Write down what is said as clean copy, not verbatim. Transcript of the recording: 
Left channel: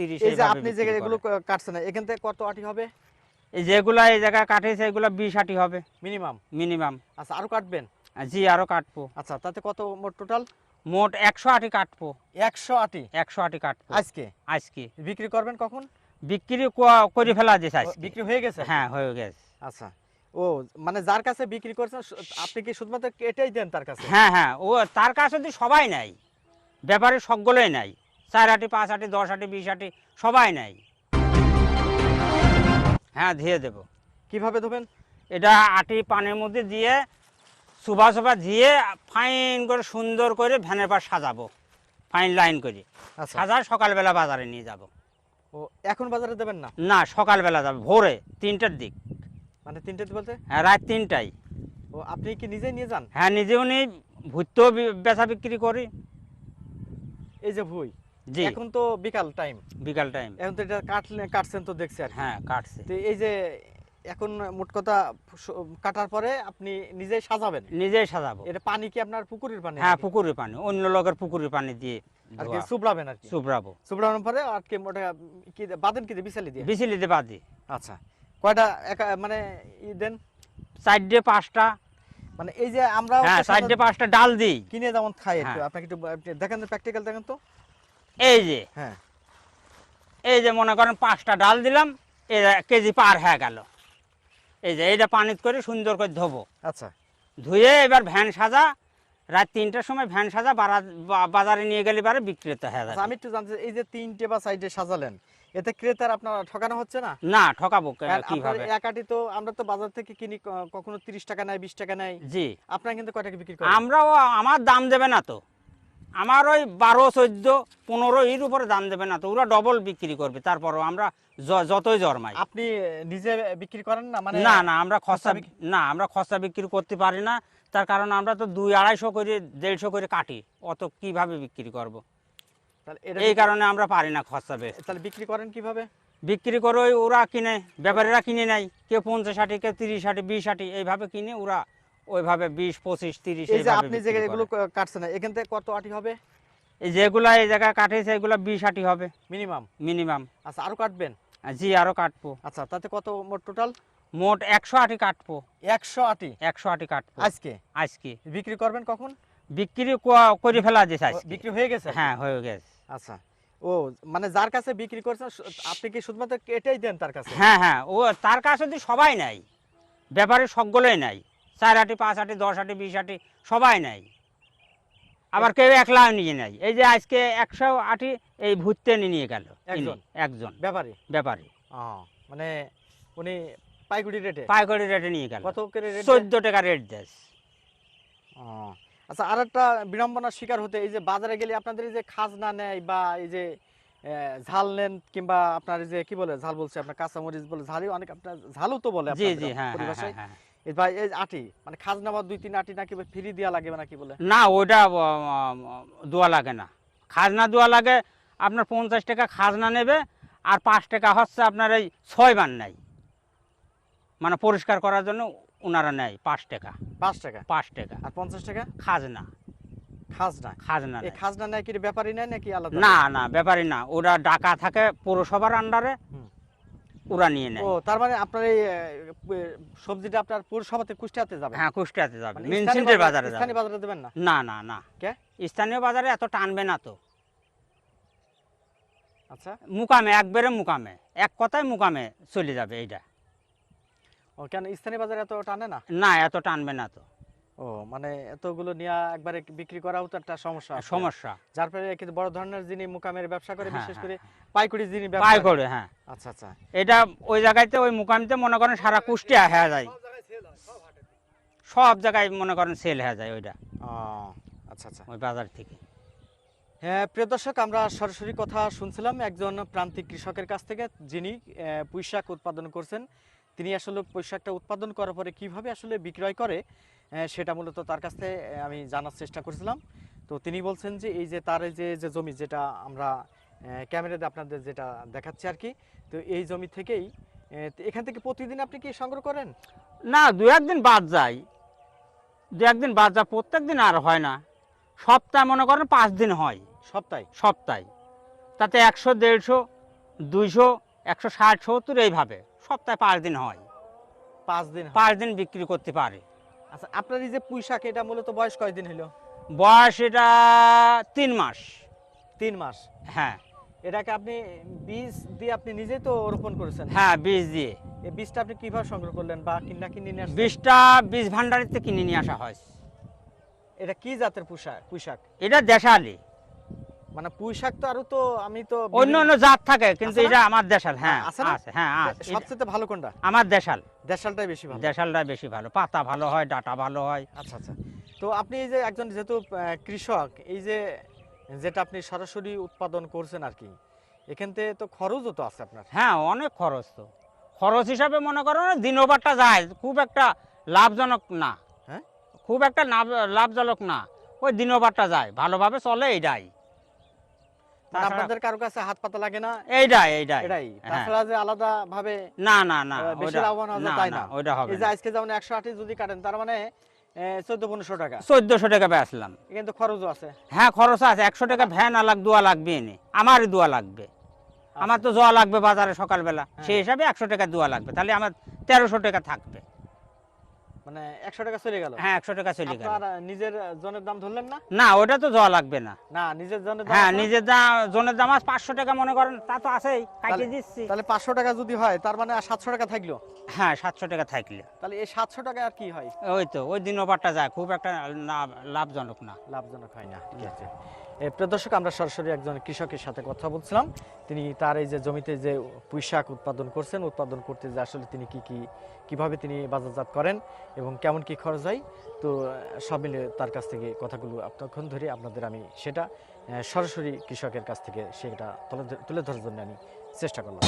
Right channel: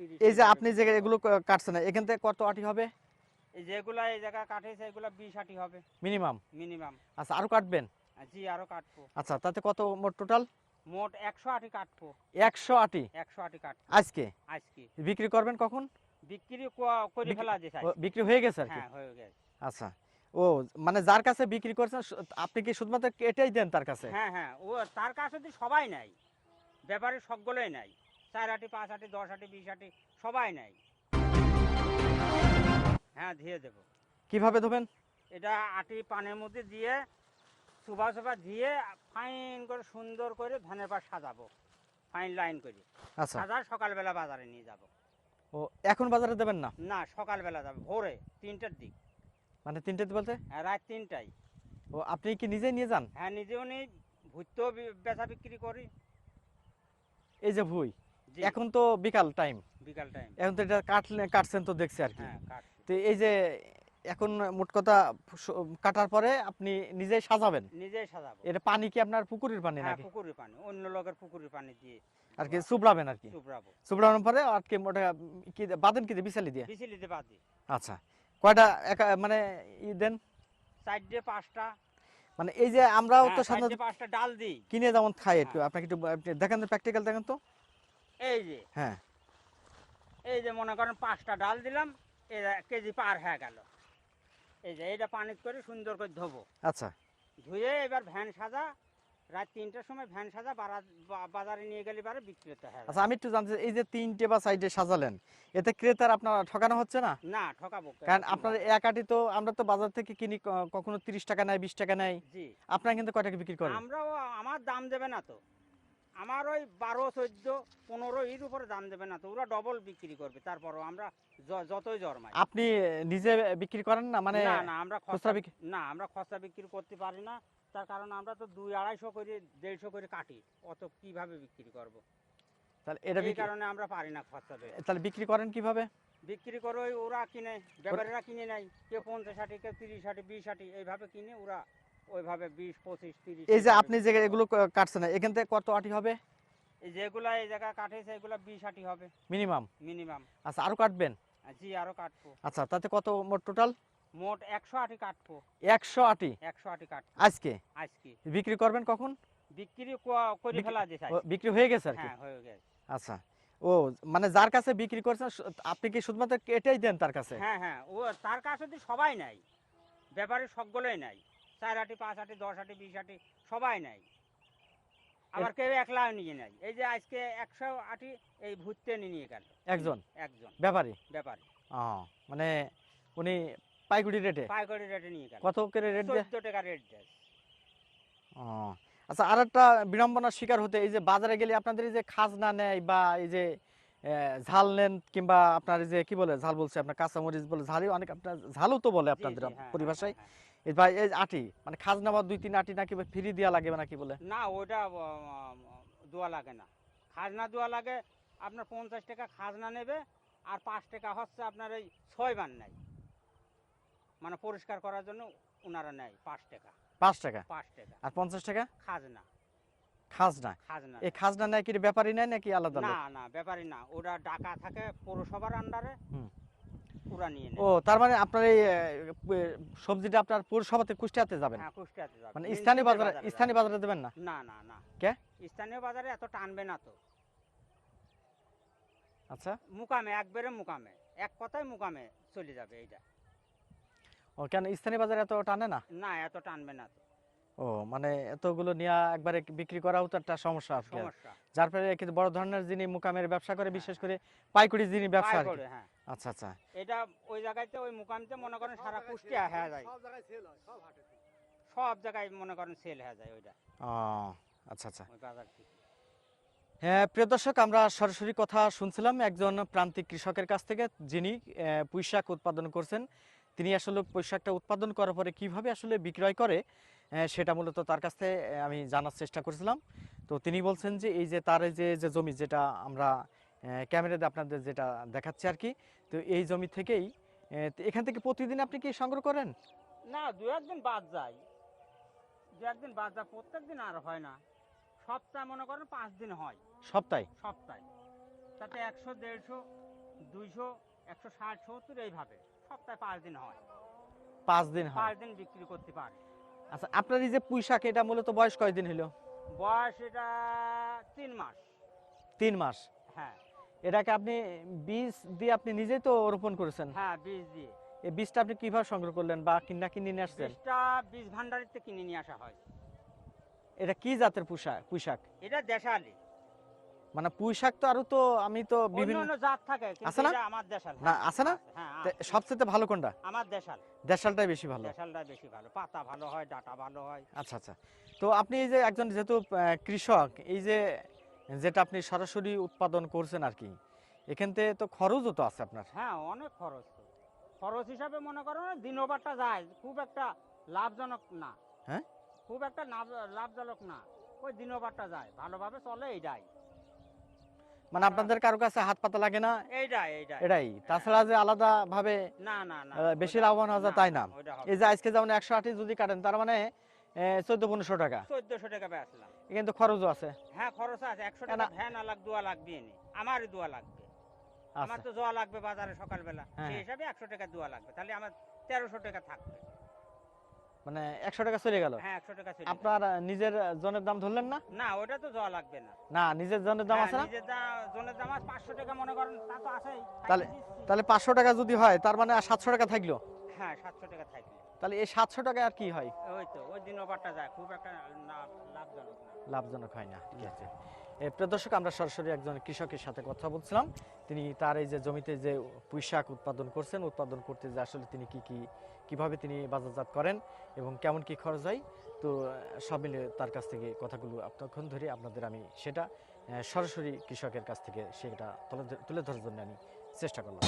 30। এই যে আপনি যে এগুলো কাটছেন এখান থেকে কত আটি হবে? এই যেগুলা এই জায়গায় কাটেছে এগুলো 20 আটি হবে মিনিমাম। মিনিমাম। আচ্ছা, আরো কাটবেন? জি আরো কাটবো। আচ্ছা, তাতে কত মোট টোটাল? মোট 100 আটি কাটবো। 100 আটি 100 আটি কাটবো আজকে? আজকে বিক্রি করবেন কখন? বিক্রি করে ফেলা যেছে আজকে। বিক্রি হয়ে গেছে? হ্যাঁ হয়ে গেছে। আচ্ছা, ও মানে যার কাছে বিক্রি করছেন আপনি কি শুধুমাত্র এটাই দেন তার কাছে? হ্যাঁ হ্যাঁ, ও তার কাছে তো সবাই নাই, ব্যাপারে সকলেই নাই। 4 আটি 5 আটি 10 আটি 20 আটি সবাই নাই। হ্যাঁ ধুয়ে দেবো। কিভাবে ধোবেন? এটা আটি পানির মধ্যে দিয়ে সুবা সুবা দিয়ে ফাইন করে সুন্দর করে ভ্যানের পাশ সাজাবো, ফাইন লাইন করে আচ্ছা, সাজার সকালবেলা বাজারে নিয়ে যাব। ও এখন বাজারে দেবেন না? না সকালবেলা যাবো ভোরে 3টার দিক। মানে 3টে বলতে? হ্যাঁ রাত 3টায়। ও আপনি কি নিজেই নিয়ে যান? হ্যাঁ নিজেও নেই, ভুট্টেও বেচা বিক্রি করি। এই যে ভুই, জি এখন তো বিকাল টাইম, বিকাল টাইম। এখন তো এটা কাটছেন তো দেখছি আর কি। হ্যাঁ কাটছে। তো এই যে এখন মোট কথা কাটার পরে আপনি নিজেই সাজাবেন? নিজেই সাজাবো। এটা পানি কি আপনার পুকুরের পানি? হ্যাঁ নাকি? পুকুরের পানি, অন্য লোকের পুকুরের পানি দিয়ে আর কি চুবড়াবেন আর কি? চুবড়াবো। চুবড়ানোর পরে আর কি মোটা কি বাদেন কি দিয়ে বিছালি দিয়ে? বিচলি দিয়ে বাদি। আচ্ছা, কয়টা মানে দেন? 4 দিয়ে 5টা। মানে এই যে আমরা হ্যাঁ 4 দিয়ে 5টা ডাল দিই। কিনে যেমন খাই একটু, হ্যাঁ। আপনাকে একটু আপনি দেখেন তো, প্র্যাকটিক্যাল দেখেন তো। এই যে হ্যাঁ, এই যে মনে করেন 5টা ডাল দিলাম, এই কেজি পার হয়ে গেল। এই যে এইটা পানিত করে সুন্দর করে ধোবো। আচ্ছা, ধুয়ে এবার ভ্যান সাজা, রাত 3টার সময় ভ্যান সাজা বাজারে নিয়ে গেলে পারে বিক্রেতা হয়ে আচ্ছা, যাবে। আমি একটু জানতে চাই, এই যে 3টে বা 4টে সাজালেন, এতে ক্রেতার আপনার ঠকানো হচ্ছে না? না ঠকাবো কারণ আপনার কিভাবে? এক আটি তো আমরা তো বাজার থেকে কিনি, কখনো 30 টাকা নেয়, 20 টাকা নেয়, জি আপনার কিন্তু কয় টাকা বিক্রি করেন? আমরাও, আমার দাম দেবে না তো, আমার ওই 12, 14, 15 এর উপরে দাম দেবে না তো, ওরা ডবল বিক্রি করবে। তারপরও আমরা যতই জরমাই। আপনি নিজে বিক্রি করেন না? মানে না না আমরা খুচরা খরচা বিক্রি করতে পারি না। তার কারণ আমরা তো 200-250 করে 150 করে কাটি, অত কিভাবে বিক্রি করব? তাহলে এটা এই কারণে আমরা পারি না খরচা বেশি। তাহলে বিক্রি করেন কিভাবে? বিক্রি করে ওই ওরা কিনে, ব্যাপারীরা কিনে নেয়, কেউ 50 আটি, কেউ 30 আটি 20 আটি এইভাবে কিনে, ওরা ওইভাবে 20, 25, 30। এই যে আপনি যে এগুলো কাটছেন এখান থেকে কত আটি হবে? এই যেগুলা এই জায়গায় কাটেছে এগুলো 20 আটি হবে মিনিমাম। মিনিমাম। আচ্ছা, আরো কাটবেন? জি আরো কাটবো। আচ্ছা, তাতে কত মোট টোটাল? মোট 100 আটি কাটবো। 100 আটি 100 আটি কাটবো আজকে? আজকে বিক্রি করবেন কখন? বিক্রি করে ফেলা যেছে আজকে। বিক্রি হয়ে গেছে আর কি? হ্যাঁ হয়ে গেছে। আচ্ছা, ও মানে যার কাছে বিক্রি করছেন আপনি কি শুধুমাত্র এটাই দেন তার কাছে? হ্যাঁ হ্যাঁ, ও তার কাছে তো সবাই নাই, ব্যাপারে সকলেই নাই। 4 আটি 5 আটি 10 আটি 20 আটি সবাই নাই, আবার কেউ একলা নিয়ে নেয়। এই যে আজকে 100 আটি এই ভুট্টে নিয়ে গেল একজন ব্যাপারী? ব্যাপারী। মানে উনি পাইকারি রেটে নিয়ে গেল। কত করে রেট? 14 টাকা রেট দেয়। আচ্ছা, আর একটা বিড়ম্বনার শিকার হতে, এই যে বাজারে গেলে আপনাদের এই যে খাজনা নেয় বা এই যে ঝাল নেন, কিংবা আপনার এই যে কি বলে ঝাল বলছে আপনার কাঁচামরিচ বলে, ঝালই অনেক আপনার ঝালও তো বলে জি আপনাদের জি হ্যাঁ পরিভাষায়। হ্যাঁ। এই ভাই এই আটি মানে খাজনা বা 2-3 আটি নাকি ফ্রি দেওয়া লাগে নাকি বলে? না ওইটা দোয়া লাগে না, খাজনা দেওয়া লাগে। আপনার 50 টাকা খাজনা নেবে, আর 5 টাকা হচ্ছে আপনার এই 6 বান নেয়, মানে পরিষ্কার করার জন্য ওনারা নেয় 5 টাকা। 5 টাকা? 5 টাকা। আর 50 টাকা খাজনা। খাজনা এই নেয়। খাজনা নেয় কি ব্যাপারী নেয় নাকি আলাদা? না না ব্যাপারই না, ওরা ডাকা থাকে পৌরসভার আন্ডারে, ওরা নিয়ে নেয়। ও তার মানে আপনার এই সবজিটা আপনার পৌরসভাতে কুষ্টিয়াতে যাবে? হ্যাঁ কুষ্টিয়াতে যাবে, মানে মিনসিন্টের বাজারে যাবে। স্থানীয় বাজারে দেবেন না? না না না, কে স্থানীয় বাজারে এত টানবে না তো। আচ্ছা, মুকামে একবারে মুকামে, এক কথায় মুকামে চলে যাবে এইটা। ও কেন স্থানীয় বাজারে এত টানে না? না এত টানবে না তো। ও মানে এতগুলো নিয়ে একবারে বিক্রি করাও তো একটা সমস্যা আছে। সমস্যা। যার ফলে কিন্তু বড় ধরনের যিনি মুকামের ব্যবসা করে, হ্যাঁ, বিশেষ হ্যাঁ, করে পাইকারি যিনি ব্যবসা পাই করে হ্যাঁ। আচ্ছা আচ্ছা, এটা ওই জায়গাতে ওই মুকামিতে মনে করেন সারা কুষ্টিয়া হয়ে যায়, সব জায়গায় মনে করেন সেল হয়ে যায় ওইটা। ও আচ্ছা আচ্ছা। ওই বাজার থেকে। হ্যাঁ প্রিয় দর্শক, আমরা সরাসরি কথা শুনছিলাম একজন প্রান্তিক কৃষকের কাছ থেকে, যিনি পুঁইশাক উৎপাদন করছেন। তিনি আসলে পুঁইশাকটা উৎপাদন করার পরে কিভাবে আসলে বিক্রয় করে সেটা মূলত তার কাছ থেকে আমি জানার চেষ্টা করছিলাম। তো তিনি বলছেন যে এই যে তার এই যে জমি, যেটা আমরা ক্যামেরাতে আপনাদের যেটা দেখাচ্ছি আর কি, তো এই জমি থেকেই এখান থেকে প্রতিদিন আপনি কি সংগ্রহ করেন? না 2-1 দিন বাদ যায়, 2-1 দিন বাদ যায়, প্রত্যেক দিন আর হয় না। সপ্তাহে মনে করেন 5 দিন হয়, সপ্তাহে? সপ্তাহে। তাতে 100, 150 200, 160, 70 এইভাবে সপ্তাহে 5 দিন হয়। 5 দিন হয়। 5 দিন বিক্রি করতে পারে। আচ্ছা, আপনার এই যে পুঁই শাক, এটা মূলত বয়স কয়দিন হলো? বয়স এটা 3 মাস। 3 মাস। হ্যাঁ এটাকে আপনি বীজ দিয়ে আপনি নিজেই তো রোপণ করেছেন? হ্যাঁ, বীজ দিয়ে। এই বীজটা আপনি কিভাবে সংগ্রহ করলেন বা কিনে নিয়ে আসছেন? বীজটা বীজ ভান্ডারিতে কিনে নিয়ে আসা হয়। এটা কি জাতের পুঁই শাক? এটা দেশালি। মানে পুঁই শাক তো আরো তো আমি তো অন্য অন্য জাত থাকে, কিন্তু আছে না? এটা আমার দেশাল। হ্যাঁ আছে না? হ্যাঁ সবচেয়ে ভালো কোনটা? আমার দেশাল। দেশালটাই বেশি ভালো। দেশালটা বেশি ভালো, পাতা ভালো হয়, ডাটা ভালো হয়। আচ্ছা আচ্ছা। তো আপনি এই যে একজন যেহেতু কৃষক, এই যে যেটা আপনি সরাসরি উৎপাদন করছেন আর কি, এখান থেকে তো খরচও তো আছে আপনার। হ্যাঁ, অনেক খরচ তো। খরচ হিসাবে মনে করো না, দিনবারটা যায়, খুব একটা লাভজনক না। হ্যাঁ? খুব একটা লাভজনক না, ওই দিনবারটা যায়, ভালোভাবে চলে এইটাই। মানে আপনাদের কারো কাছে হাত পাতা লাগে না? এটাই এটাই। হ্যাঁ। তাছাড়া যে আলাদা ভাবে না না না, বেশি ওইটা- লাভবান হওয়া যায় তাই না? ওইটা হবে এই যে না। আজকে যেমন 180 যদি কাটেন, তার মানে 1400-1500 টাকা। 1400 টাকা বেচলাম। কিন্তু খরচও আছে। হ্যাঁ, খরচ আছে। 100 টাকা ভ্যান আলাগ দোয়া লাগবে এনে, আমারই দোয়া লাগবে। আমার তো জোয়া লাগবে বাজারে সকালবেলা, হ্যাঁ। সেই হিসাবে 100 টাকা দোয়া লাগবে, তাহলে আমার 1300 টাকা থাকবে। মানে 100 টাকা চলে গেল। হ্যাঁ, 100 টাকা চলে গেল। আপনার নিজের জনের দাম ধরলেন না? না, ওটা তো জোয়া লাগবে না। না, নিজের জনের দাম হ্যাঁ, আছে না? নিজের জনের দাম আছে 500 টাকা মনে করেন, তা তো আছেই, কাটিয়ে দিচ্ছি। তাহলে 500 টাকা যদি হয়, তার মানে আর 700 টাকা থাকলো। হ্যাঁ, 700 টাকা থাকলে তাহলে এই 700 টাকা আর কি হয়? ওই তো ওই দিন ওভারটা যায়, খুব একটা লাভজনক না। লাভজনক হয় না। ঠিক আছে। প্রিয় দর্শক, আমরা সরাসরি একজন কৃষকের সাথে কথা বলছিলাম। তিনি তার এই যে জমিতে যে পুঁই শাক উৎপাদন করছেন, উৎপাদন করতে যে আসলে তিনি কিভাবে তিনি বাজারজাত করেন এবং কেমন কি খরচ হয়, তো সব মিলে তার কাছ থেকে কথাগুলো এতক্ষণ ধরে আপনাদের আমি সেটা সরাসরি কৃষকের কাছ থেকে সেটা তুলে ধরার জন্য আমি চেষ্টা করলাম।